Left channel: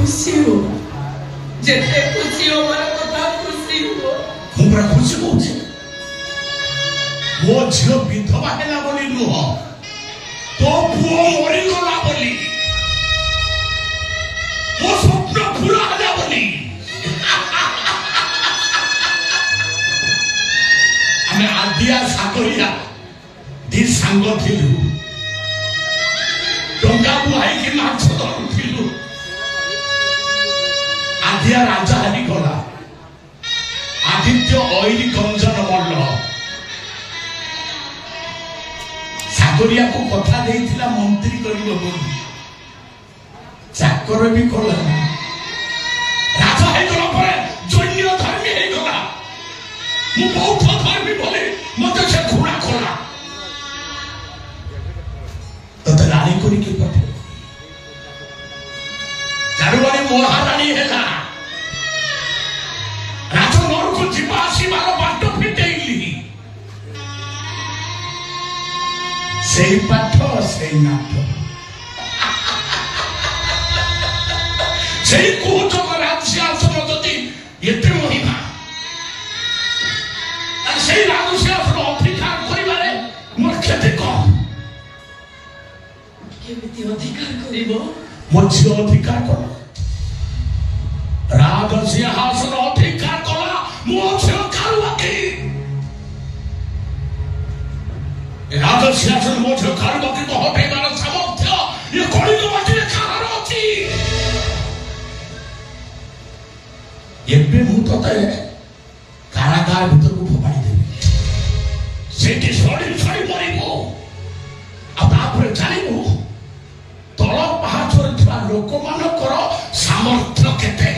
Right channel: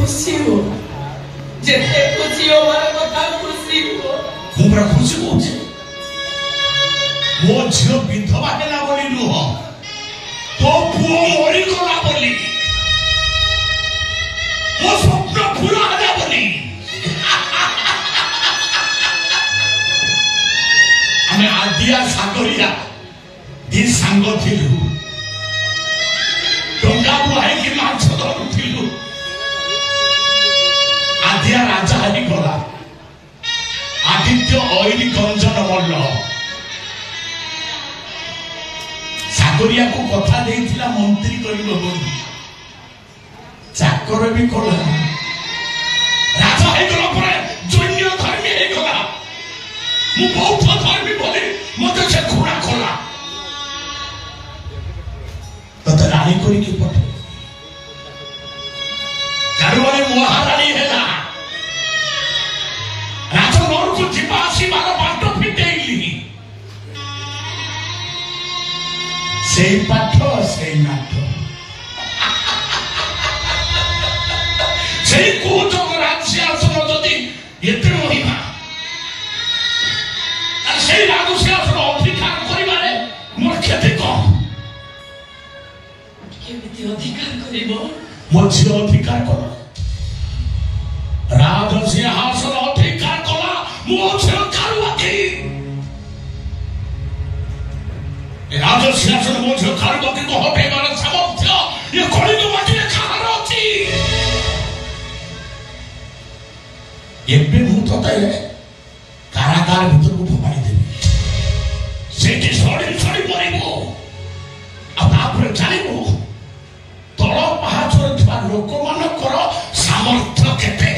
खुशी हो जिते खुशी हो मारा कथा खुशी हो मुझे खुशी होचे मो झियो विधवा हेला बोली नुह तो पुओ मरी गला बोली मो स्वप्न पूरा होला बोली हमें आदिया सागरिया दी सांग थिलु टंका बुहाई की माछ धरुथिलु आदिया राजा हरी गला आदित्य ओइली गंजन मल्ल सागरिया को कथा देइथिला मंत्री करिबो बोली चाकर भी कला राजा हे गला परे दुनिया धर्मी हे गला मु बहुत धर्मी बोली मते से घुरा कला तते रानी करी के पठे चारुवाणी महारानी हेला राजमहल को जीवा आसीबार बाट फिटेइली सेई पाठ सेई नाट सेई कोचक राजसिंहासन जदि एते महिमा सेई राजसिंहासन अधिकार करिबारे मोर क्षति कम केमिति अधिकार करिबो मोर झियो अधिकार कर राजसिंहासन अधिकार कला मो झियो कालवकी राजसिंहासन मो झियो कालवकी को हटेबार सामर्थ्य ये कलिग माटिरे काहार अछि एबे मु तते कारागार भीतर को फोपाड़ी देबी सेठी सड़ी सड़ी मरिबो आ तापर जानिबो तळ पाहाचर थिबा लोक मानकर सामर्थ्य केते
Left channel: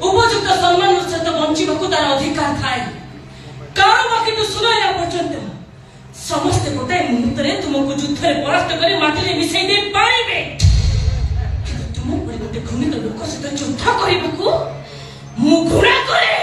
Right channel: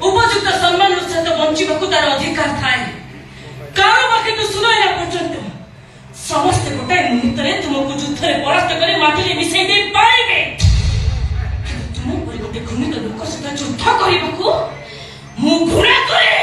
उपयुक्त सम्मान सहित बंचवाक तार अधिकार थाए कारोबाकी तो सुनाइला पर्यंत समस्त गोटाए मुहूर्त तुमको युद्ध में परास्त कर माटी मिसाई दे पारे तुम पर गोटे घूमित लोक सहित युद्ध करने मु घृणा करे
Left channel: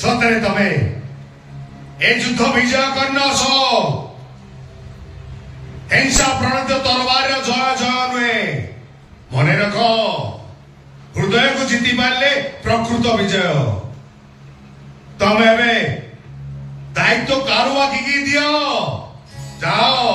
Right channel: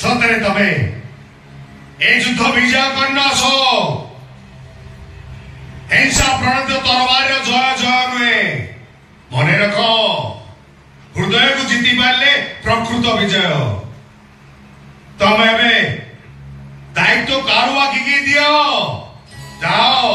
सतरे तमे ए युद्ध विजय करना सो हिंसा प्रणीत तरबार जय जय नुहे मन रख हृदय को जीति पारे प्रकृत विजय तमे दायित्व कारुवाकी की दियो जाओ।